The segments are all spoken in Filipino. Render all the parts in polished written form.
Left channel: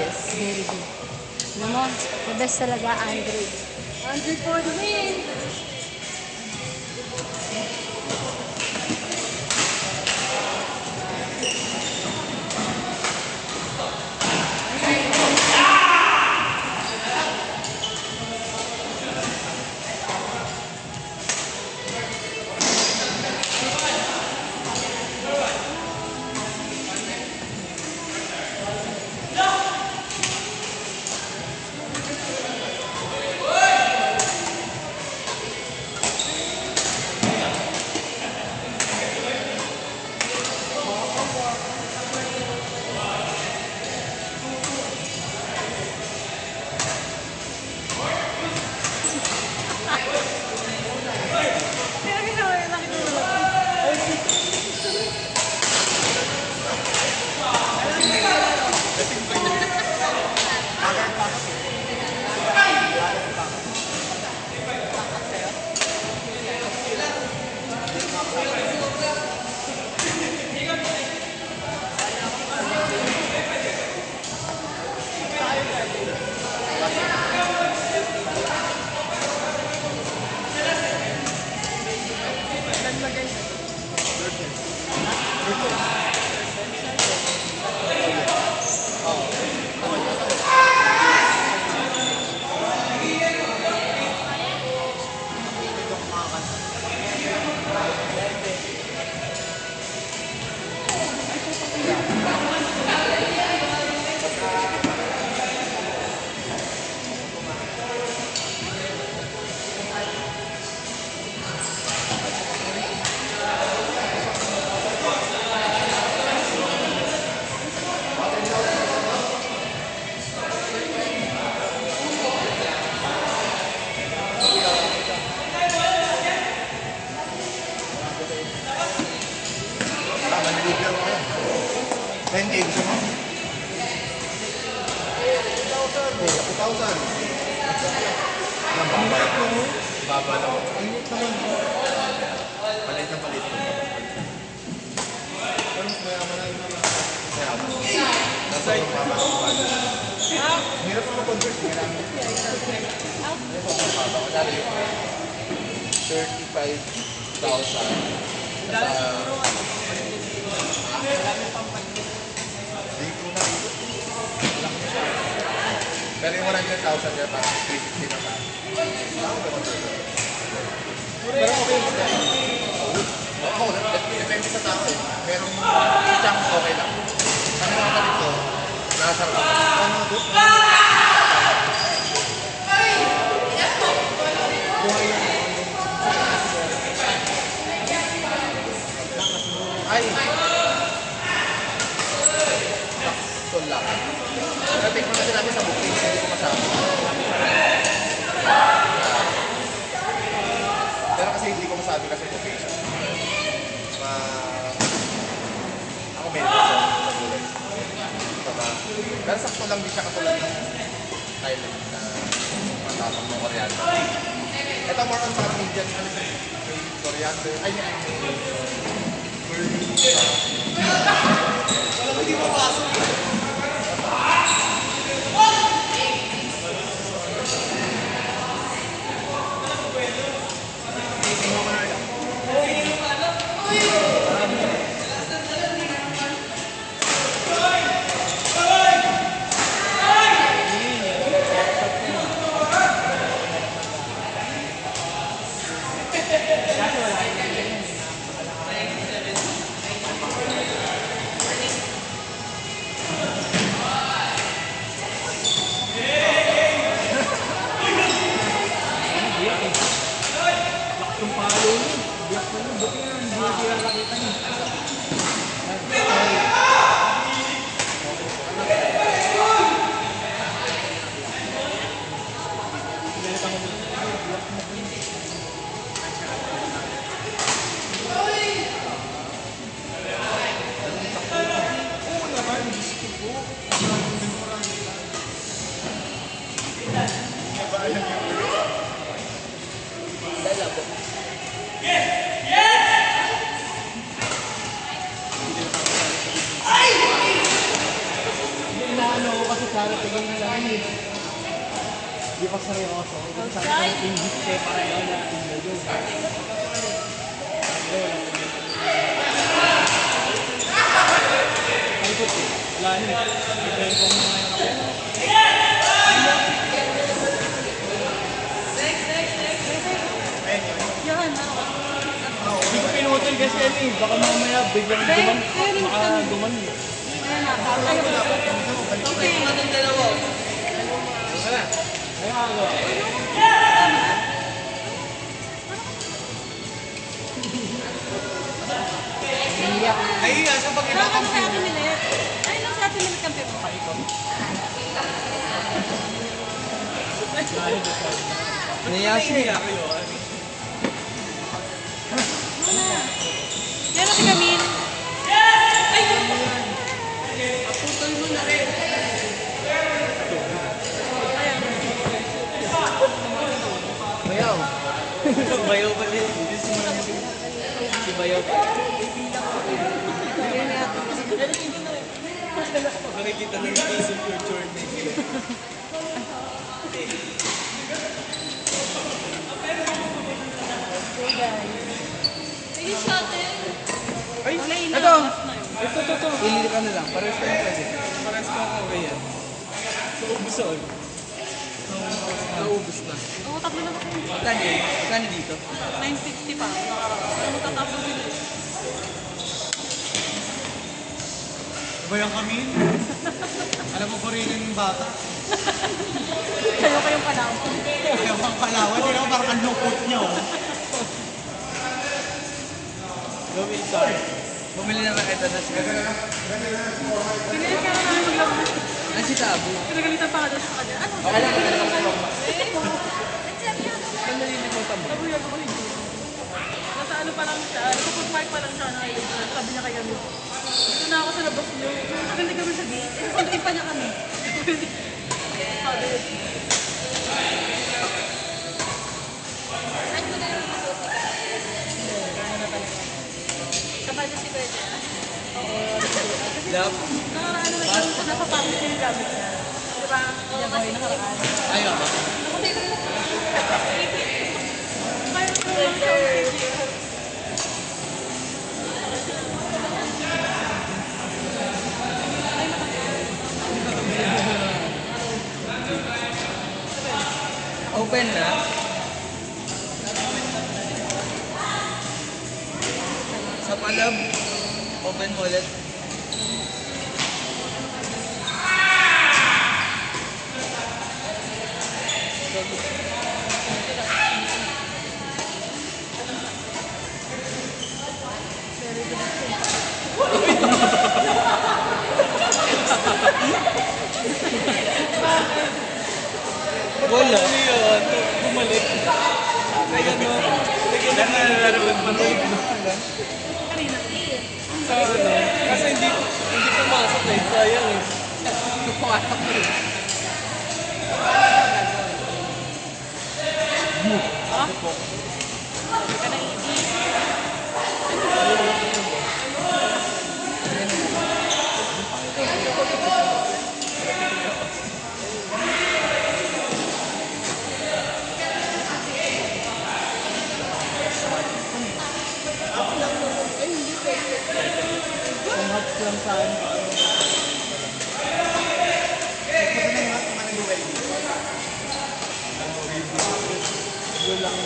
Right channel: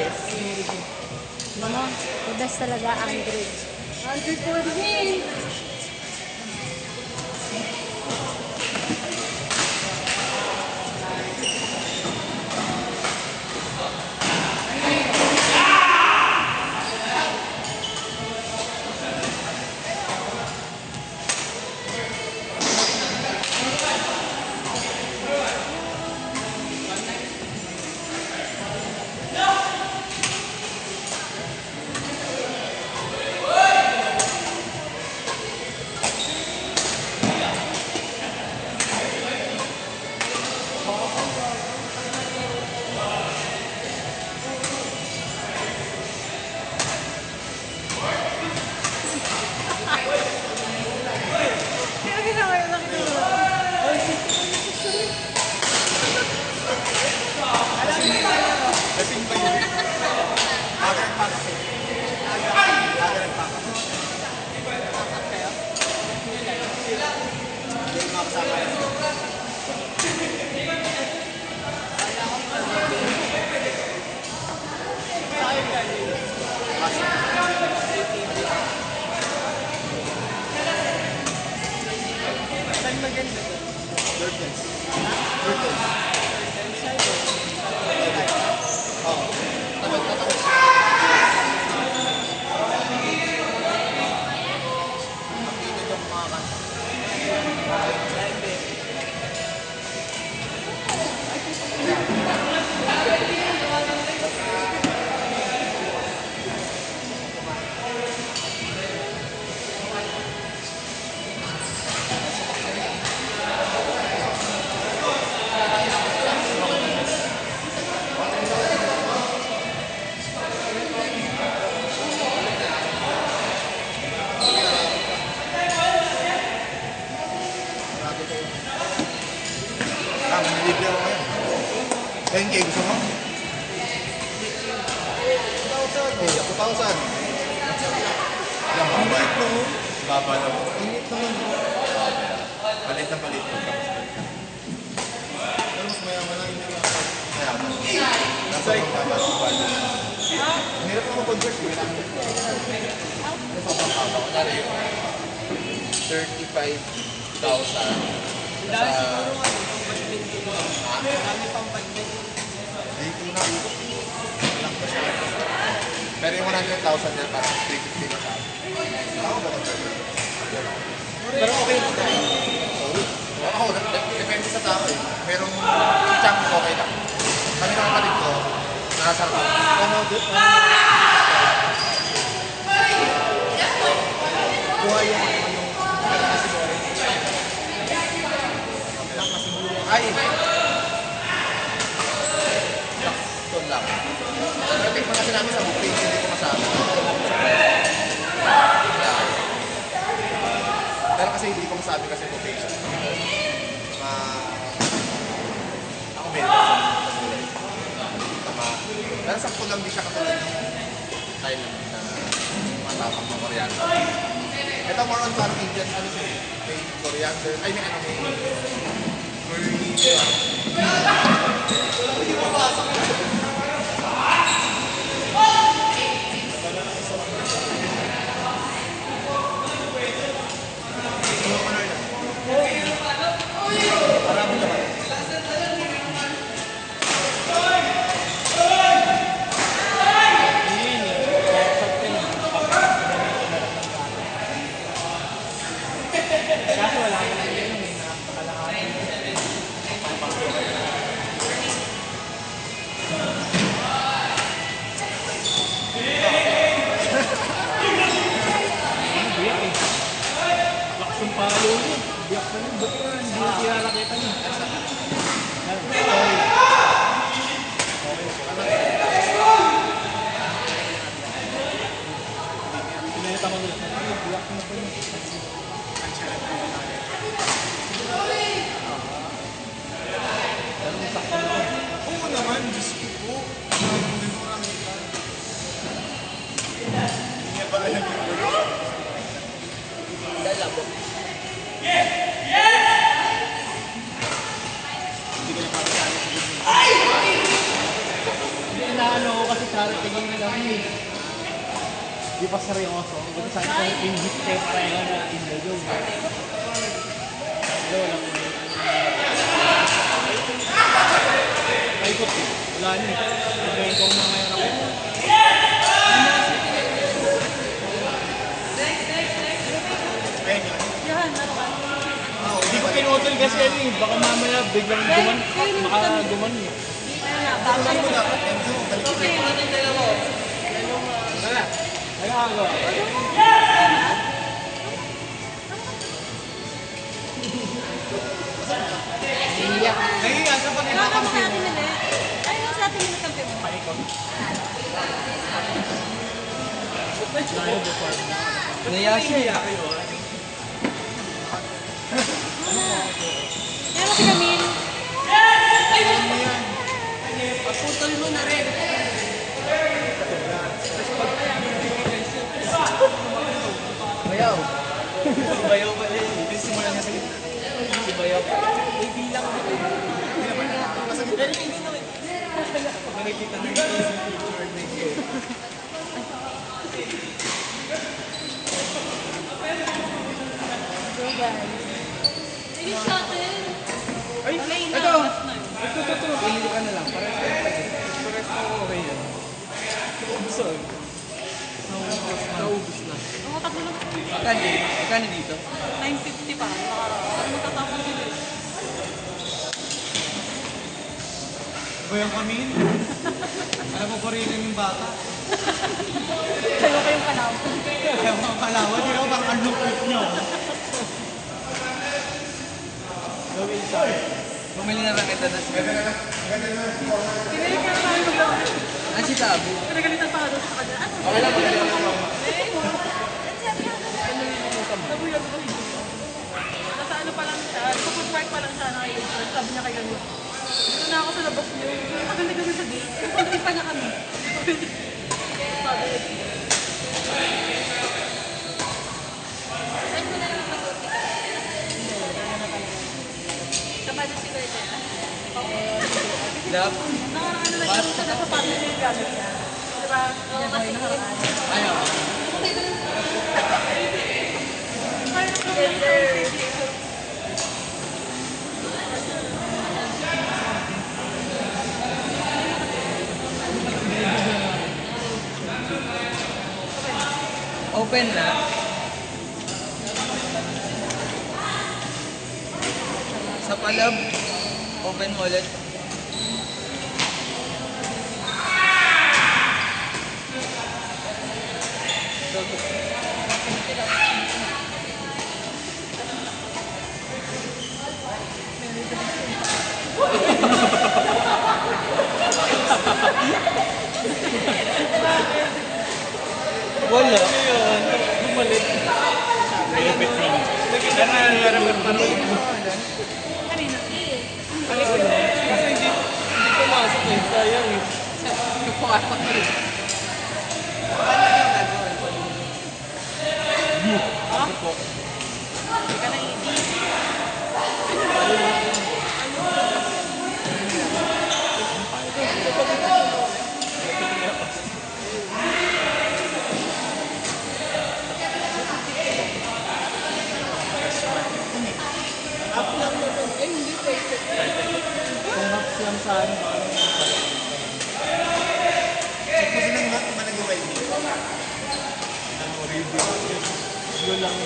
Yes. Very good. Alam mo, the best talaga Android. 100 for the win! Manilibyo ako yan. 10K gusto mo? Okay, 2,000. Baba na. Init na yun. Palit na palit. Mas mayaman na yung mayaman. Nasa yung mayaman. Hirap mo mag-convert. Kailangan mo. Ito ang papa. Kunwari yung 35,000 sa pero yung 100,000 na parang 350 na sa akin. Pero okay lang sa akin. Oo, depende sa tao. Merong chunk okay lang. Kami naman na dito, nasa ako. Buhay yung ay! Sakto lang. Pero tingnan kasi namin sa booking, hindi ko kasama. Pero kasi hindi ko masabi kasi booking. Ako may pero sakto lang din siya katulad ng time na matapang ng coriander. Ito more on parang Indian ano siya. May coriander. I mean, hindi mo pasok. tingin na lang eh. Di pa seryoso. Ito sa akin ingit kayo pareho na indulog. Ay, puti. Wala niyo. Ibigay ko muna yung kape. Yan. Hindi ko pinutol kasi ano eh. Baka mamaya biglang duman. Baka duman eh. Kaya ba? Okay. Ayun ako. Nahiya siya pag Kaya ka mo ipakampi sa mo. atin minute. Ay, lang sa atin minute kampi mo. Nahiya siya. Yan si Camille. Bayaw. Bayaw pa rin. Si Bayaw. Nakikita na ito sa picture na ito. So guys. Ayun siya atin. Ay, Wala yun ito. na. Last na yun. Ito. Ili ka na lang. Pares ka na kasi. Pares ka na okay yan. Ubson. Naubos na. Oo, tatlo lang kasi. Magkano dito? 950 pa. Para magtatapos sila eh. Ba yung kamin? Alam mo pa rin yung bata. Kayo kayong kalaw. Alam mo ang panawa. Hindi ako bakit ang lupot nyo. Gawin siya. Bumili na lang ito na siya. Pinilit ka na namin maglawang na. Ang si Tabo. Pinagalitan pa ka doon sa kanya. Ano? Okay lang, Hindi okay ka lang. naman kayo. Sabi niya, ako hindi. Nasa ano pa lang siya. Nasa food park pa lang siya. Sabi niya kay kami. Dito na ako sa labas niyo. Tagal na kami sa gate. Sunduin pa niya kami. Sabi niya. Sabay na si Bebe. Oo. Love. Nakaraan na siya nasa family niya yung gamit niya. Di ba? Yan boy, nakaraan. Ayun. Kaya ko lang siya ulit. Open na. Sa palab. Open mo ulit. Wala. Bumalik. Kanina. Kasi hindi pumasok eh. Sayang eh. Ah? Sabi ka na hindi. Perhaps lang sa ano. Yun lang.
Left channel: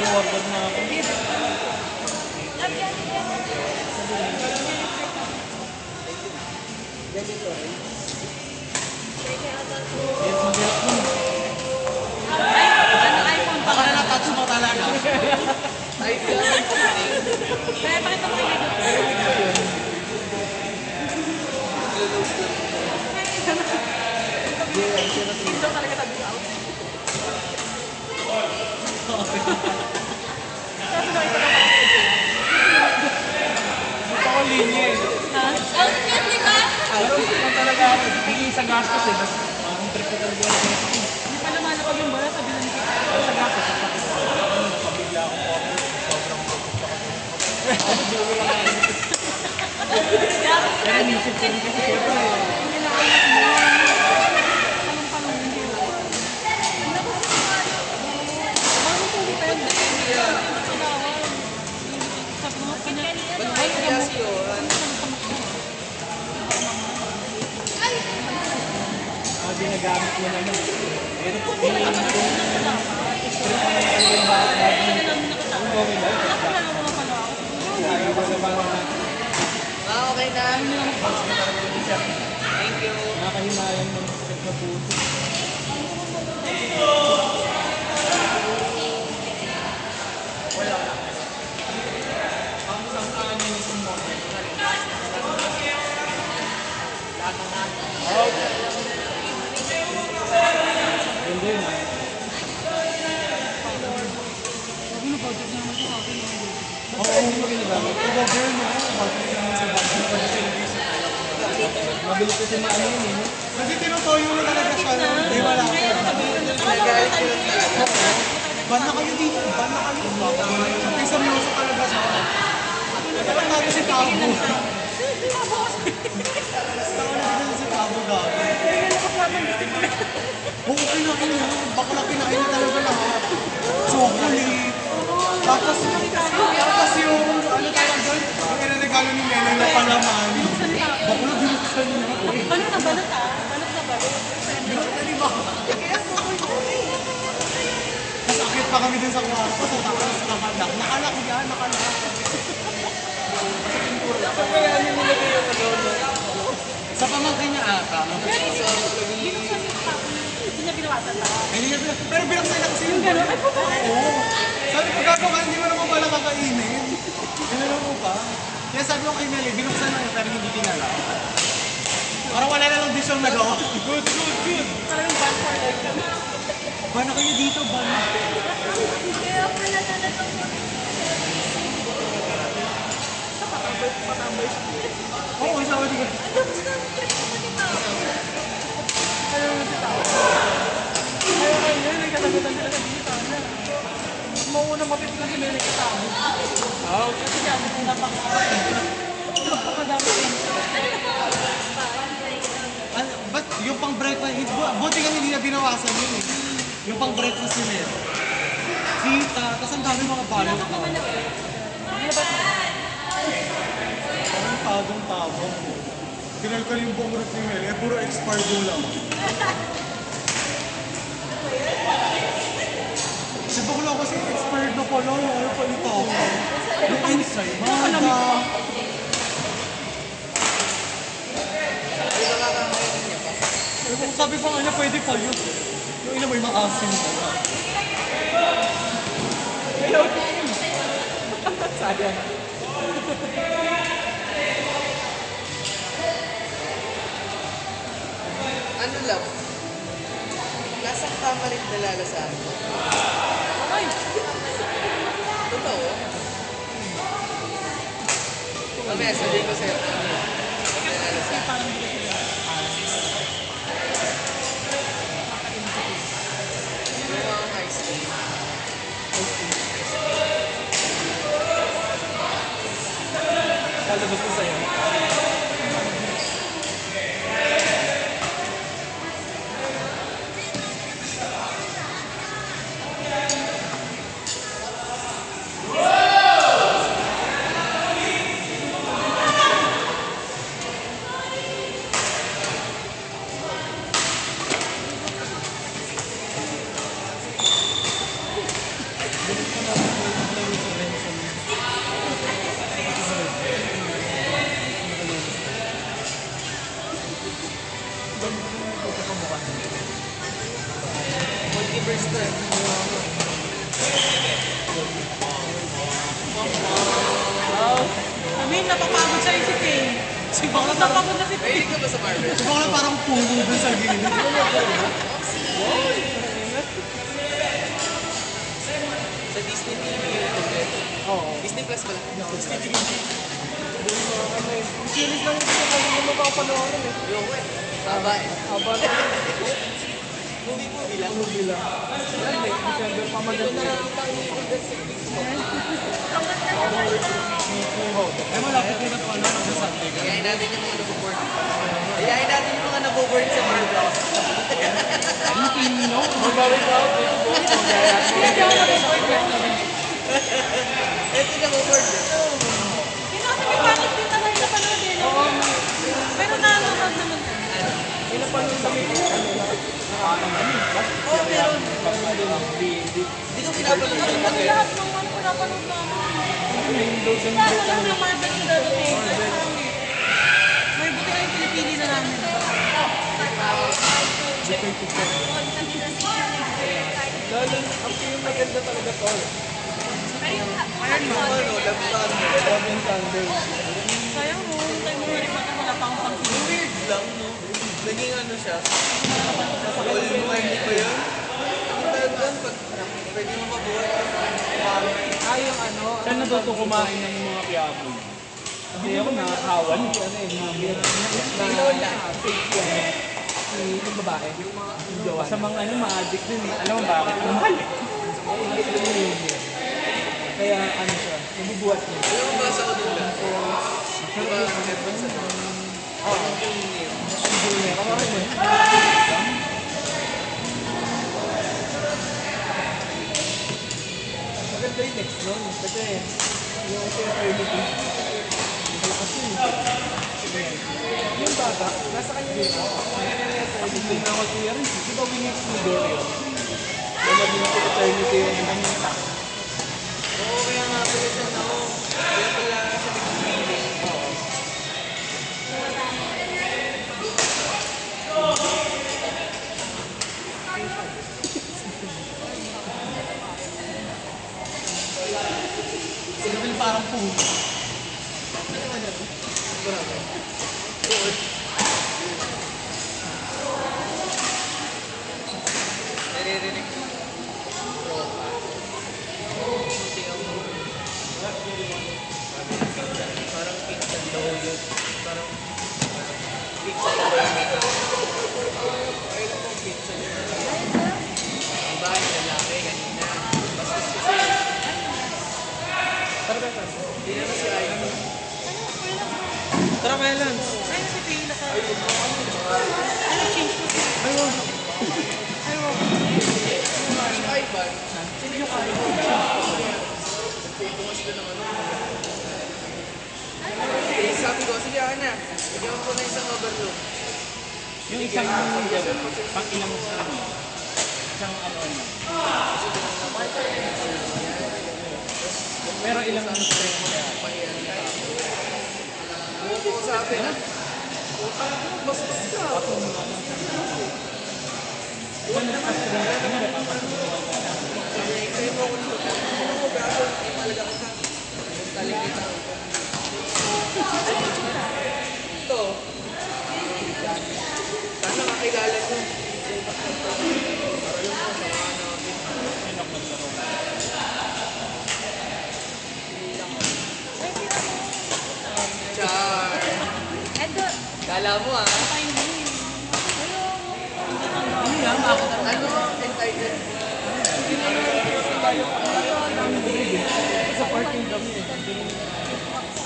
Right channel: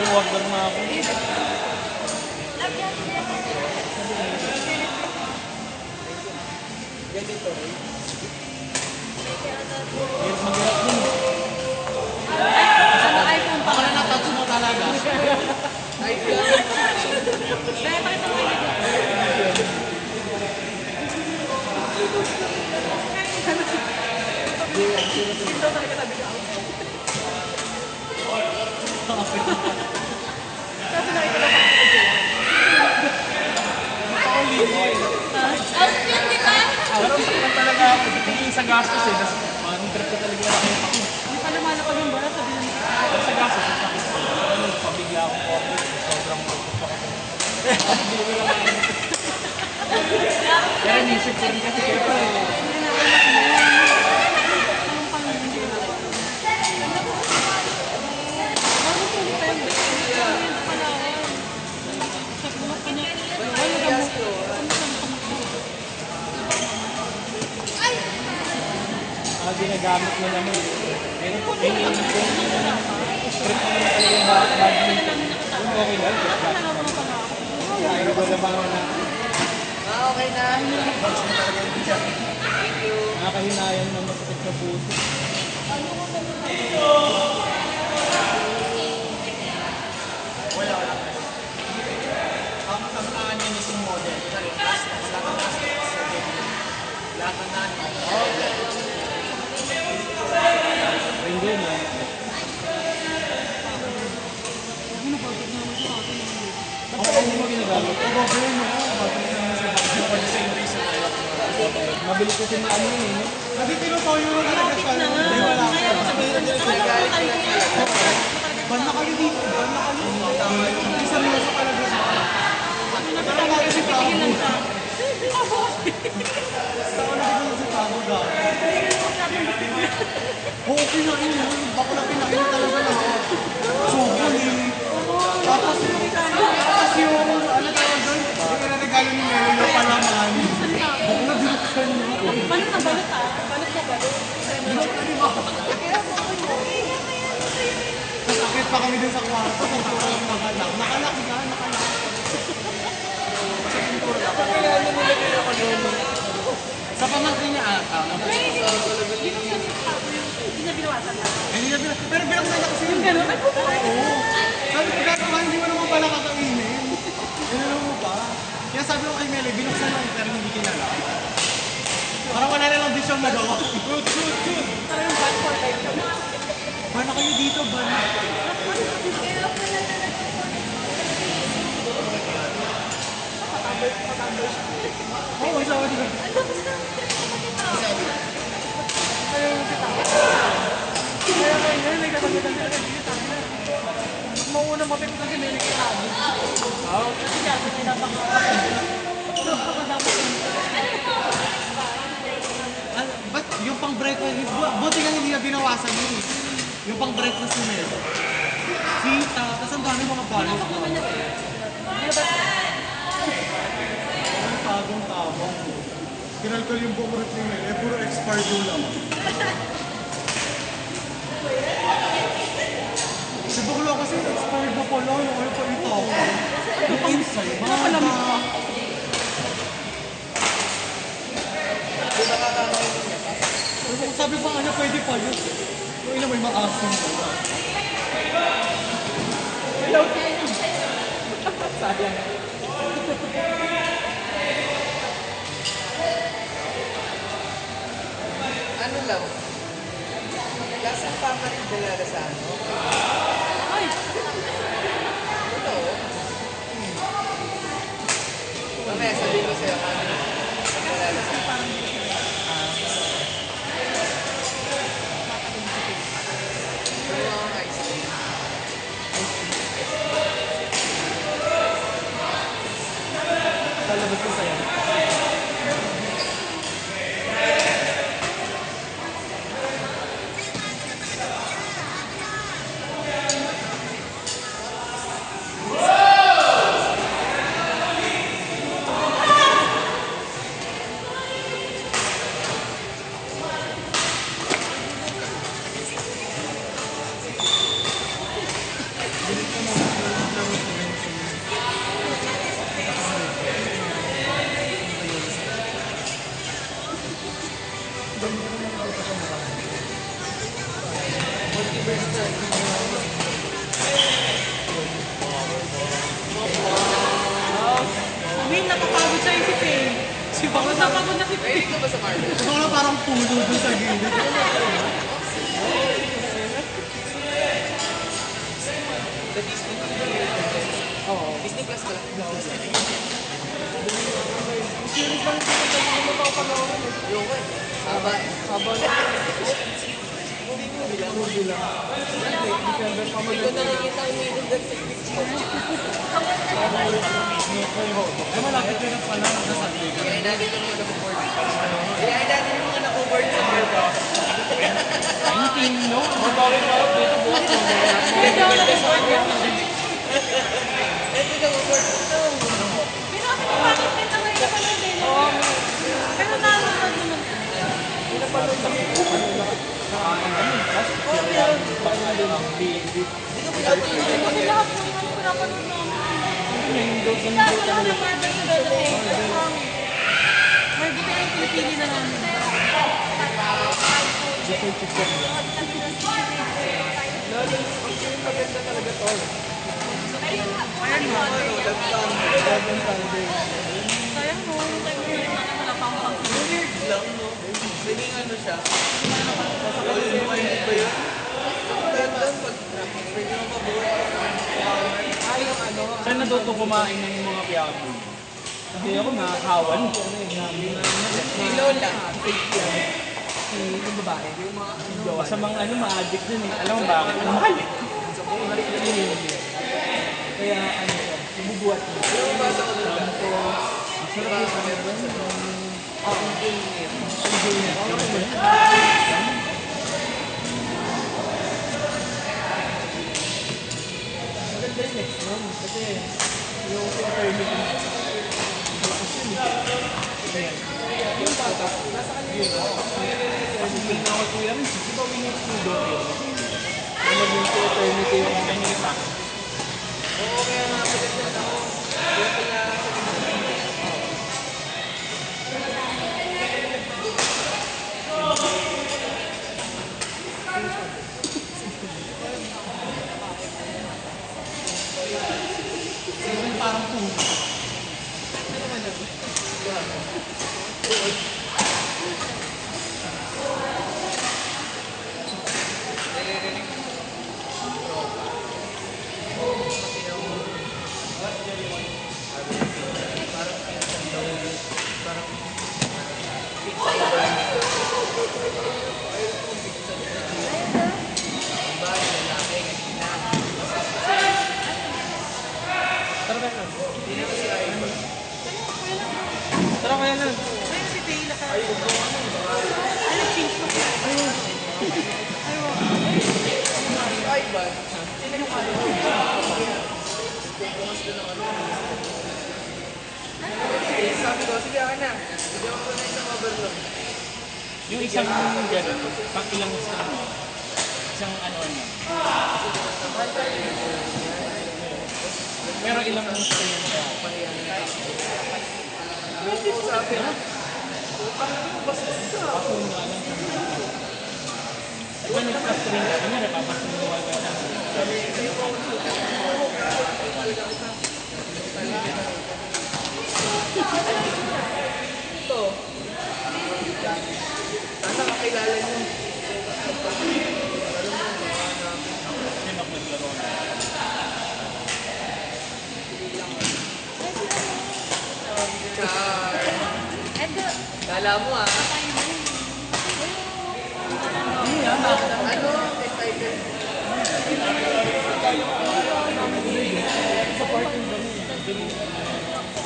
Iwagod na ako. Ganito rin. Yes, mabirak mo. daw talaga sabi ko out. Kasi nakita daw parang nag-iyak. Ako linya eh. Ha? Outfit ko lang talaga ako. Tingin sa gastos eh. Ang trip ko talaga ako. Hindi pa naman napag yung bara, sabi naman ko. Sa gastos. Pabigla ako. Pero nisip ko rin kasi syempre. Pinaanak mo. Palong-palong hindi mo. Bakit ito depende? Ano yung panahon? Sa tulog pa niya. Ay, alam mo. Ano sa pamakbo? Ginagamit mo naman. Pero po, Hindi na kami dapat. trip mo naman talaga yung bag. Hindi na namin nakasama. Okay lang. Ako nalaro pala ako. Ayaw ko lang mga Okay na. nakahinayan man masakit na puso. Hindi mo. Ano ba? Ito naman siya sa akin. Oo, hindi mo ginagamit. Oo, ba yun? Mabilis ko yung ano yun eh. Kasi tinutoyo na talaga siya. Hindi wala ko. Banda kayo dito. Banda kayo. Hindi seryoso talaga siya. Wala natin si Pabo. Basta wala natin si Pabo dati. Oo, kinain mo. Bakla kinain mo talaga lahat. Chocolate. Tapos yung ano tawag doon? Yung inanagalo ni Melo na palaman. Bakla binuksan niya. Balot na balot ah. Balot na balot. Binuksan ni Mama. Nasakit pa kami din sa kwarto. Sa tapos nakalak. Nakalak nga, nakalak. Sa pamangkin niya ata. Binuksan si Papo yung hindi niya binawasan pa. Pero binuksan niya kasi Yung gano'n, ay puto. Oo. Sabi ko gano'n ka, hindi mo naman pala kakainin. Ginalaw mo pa. Kaya sabi ko kay Meli, binuksan lang pero hindi kinala. Parang wala namang bisyong nagawa. Good. Parang bad for life kami. Bana kayo dito, bana. Patambay. Oo, sabi ko. Ayaw mo si Tao. Ayaw ko yun, nagsasagutan sila kay Gigi Tao na. Mas mauna mapit na si Meli kay Tao. Kasi kasi may napakadami yun. Ba't yung pang breakfast, buti nga hindi na binawasan yun eh. Yung pang breakfast ni Meli. Sita, tas ang dami mga balot. Napak naman niya ulit. Nilabas na. Ang tagong-tagong. Kinalkal yung buong rep ni Meli, puro expired yung lang. Si Bakla kasi expired na pala, yung ano pa ito. Yung enzyme, mata. Sabi pa nga niya, pwede pa yun. Yung ina may maasim pa. Ano lang? Lasang pamalit nilalasahan mo. Ay, Totoo? Mamaya sabihin ko sa'yo kung ano yung nilalasahan. parang hindi ko sila. Pero ang ice cream. Kalabas ko sa'yo. Kami, napapagod siya si Faye. Si Bakla Napapagod na si Faye. Mahilig ka ba sa Marvel? Si Bakla parang puno dun sa gilid. Sa Disney TV yun. Oo. Disney Plus pala. Disney TV. Series lang ito kasi hindi mo papanoorin eh. Yung haba eh. Habang Movie lang. movie lang. December pa Ito na lang kita umiinig sa Eh, malapit din ang pala sa Sunday ka. Kaya natin yung mga nabuboard. Kaya natin yung mga nabuboard sa program. Meeting, no? Hindi ako nag-board yan. Ito nabuboard. Pero kasi may pangit din naman yung napanood eh, no? Pero nanonood naman. Oo, meron. Hindi ko pinapanood yung Kasi lahat ng ano pinapanood namin. Lalo lang ng Marvel sila doon. May buto yung pinipili na namin. Sayang mo, wala pang pang-sila. weird lang, no? Naging ano siya. All in mind ko yun. Talagang pag pwede mo mabuhay. Saan natuto kumain na yung mga piyaboy? Hindi ako nakahawan. May lola. Yung babae. Sa mga ano, ma-addict din eh. Alam mo bakit? Ang mahal eh. Kaya ano siya, nabubuhat niya. Yung basa ko nila. Sarap yung ano sa maganda yung next nun. Kasi yung eternity, malakas yun eh. Yung bata, nasa kanya yun. Eternity na ako kuya rin. Di ba winning school doon yun? Yung naging si eternity yung ganyan pa. Oo, kaya nga pala siya ako. Kaya pala sa nagsipiling. Sino yung parang puno? Naririnig ko. Parang pinsan daw yun. Parang pinsan yung gamit. Pinsan yung ang bahay, lalaki, kanina. Hindi na kasi ayaw. Tara kaya lang. Ayun si Kayla ka. Ayun, cheese mo siya. Ayun. Ayun. Ay, ba? Sino yung kayo? Sabi ko, sige ako na. Bigyan ko na isang overload. Yung isang gano'n, pang ilang sa ano? Isang ano niya. Pero ilang ang string niya. Sabi na. Bastos ka. Ako yung alam sa mga. Iba nagpa-string ka, hindi napapasunuwal ka na. Ito. Sana makilala nyo. Edo, Kala mo ah. papain mo yun. Hindi ah, Ano? Entitled. sa parking daw yun. Nagpapasensya na ako.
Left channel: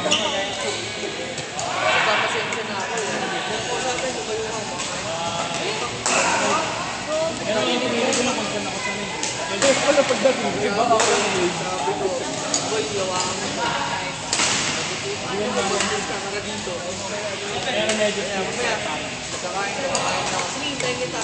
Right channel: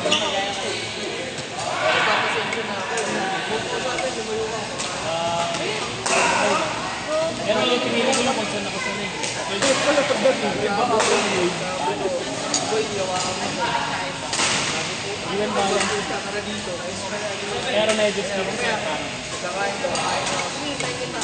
Usapan mo ba yung Pero yung pinili ko lang kung saan nakasanay. Pero pala pagdating, iba ako yung boy, yawa kami. Iwan ba yan? Kakara dito. Pero medyo skip siya. Kakain ko, kakain ko. Sige, hintay kita.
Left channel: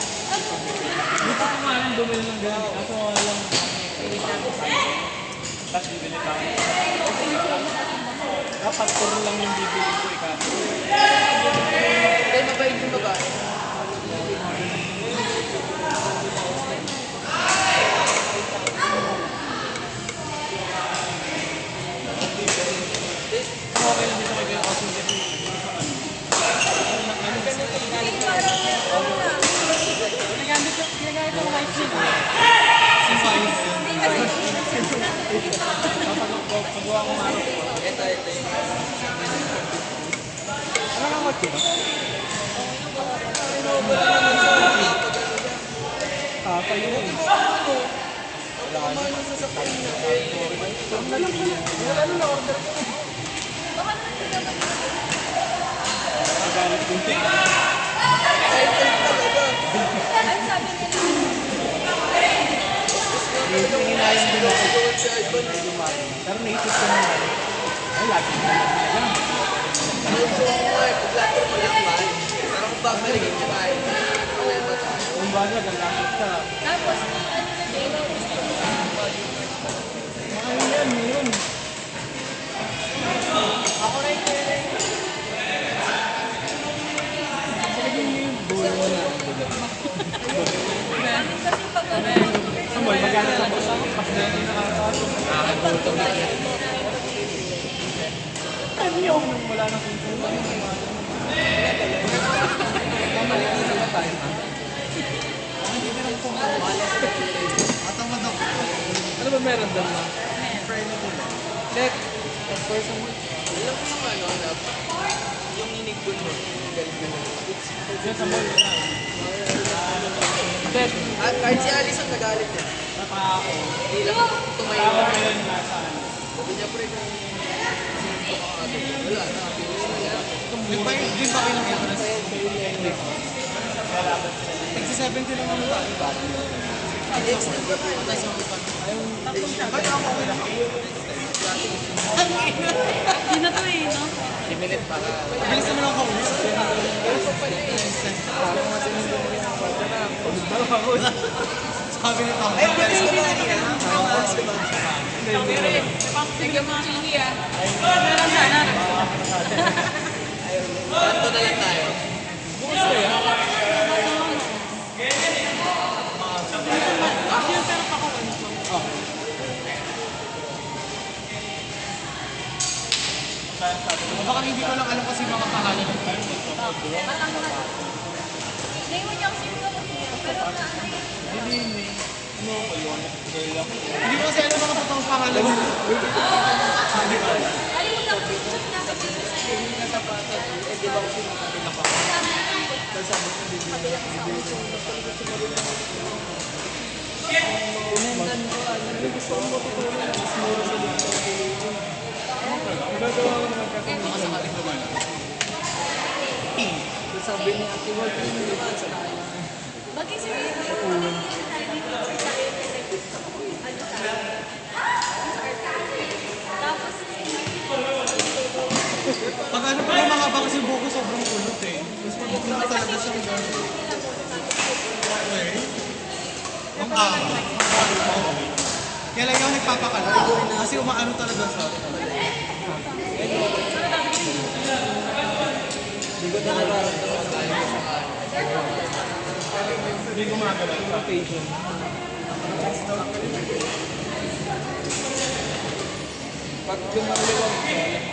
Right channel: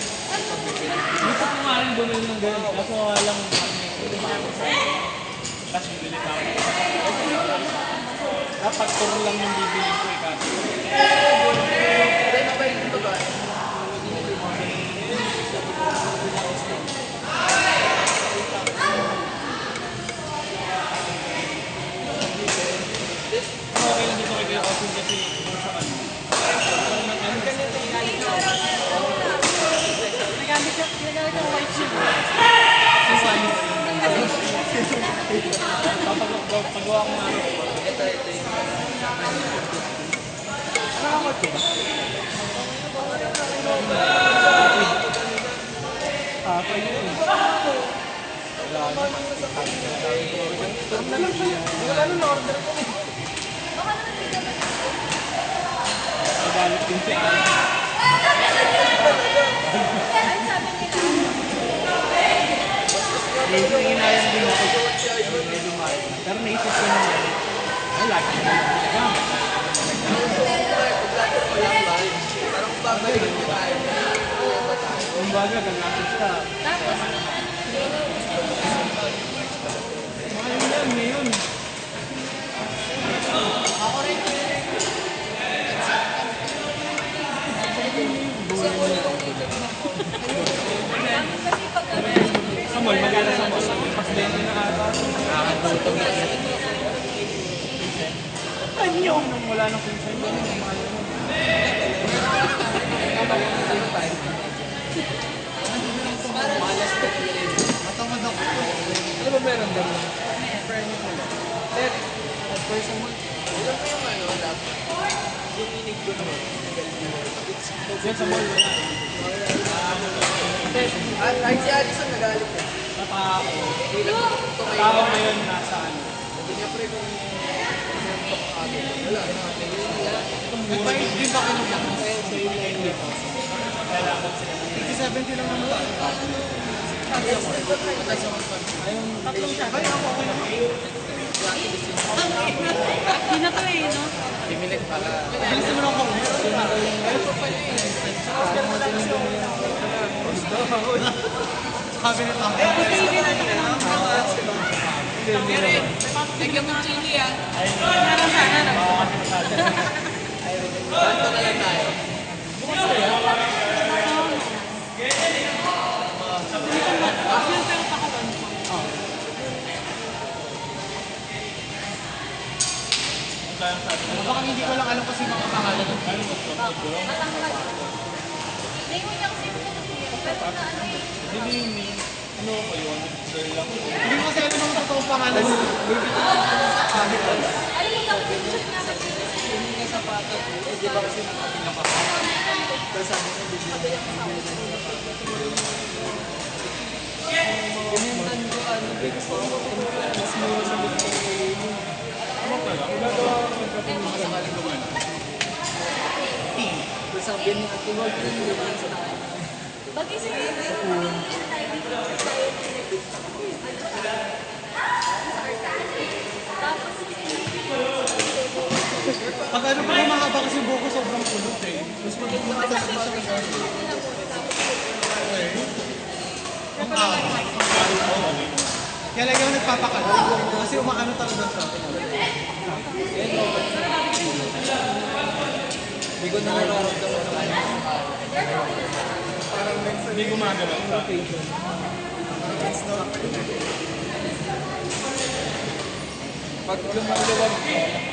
Hindi pa nga lang bumili ng ganun. Kasi walang tapos bibili ko. Dapat puro lang yung bibili ko ikaw. Then, mabait yung babae. Pagawa ko nga. Ito yung Ano nga kotse ba? Tayo yun. Magalit din siya. Medyo tingin na kayo din ako. Medyo mahal. Pero naisip ko na ay, lagi na lang. parang babalik niya tayo. Ang bagay, gagamit ka. Tapos, Mahal yan, ngayon. kasi pag ano, Samuel, mag-aras lang pala ako. Pasdayan na nakakatutong na siya. Kanyo! Nung wala na sunsun. Matamad ako. Ano ba meron doon lang? Check. Person mo. Alam mo yung ano, dapat. Yung inig mo. Diyan sa mall. At kahit si Alison nagalit eh. Napaka-ako. Hindi lang tumayo. Tao ngayon nasaan. Sabi niya pre kung wala na. Nagpahit din ba kayo ng fitness? Tigsi 70 lang naman tayo. Tatlong shot. Hindi na to eh, no? Limited para. Bilis naman ako ulit. Sabi ni Tang. Bigyan mo ako. Meron sana. Kanto na lang tayo. Yun, pero pakuwan mo. Baka hindi ko lang alam kasi makakahala ng karin. matangkad. Ngayon lang siguro nag-iyan. Pero na ano, Hindi. Ano ko yun? Girl lang. Hindi ko kasi alam mga totoong pangalan mo. alam mo lang, chat nga sa Sabi niya, tingol ko yung Mag-isip ko tapos, Pag ano pa yung mga ba kasi buko sobrang kulot eh. Gusto ko yung talaga sa ang tao. Kaya lang yung nagpapakala. Kasi umaano talaga siya. Hindi ko na nararamdaman. Hindi ko magagawa. Rotation. Pag lumulawag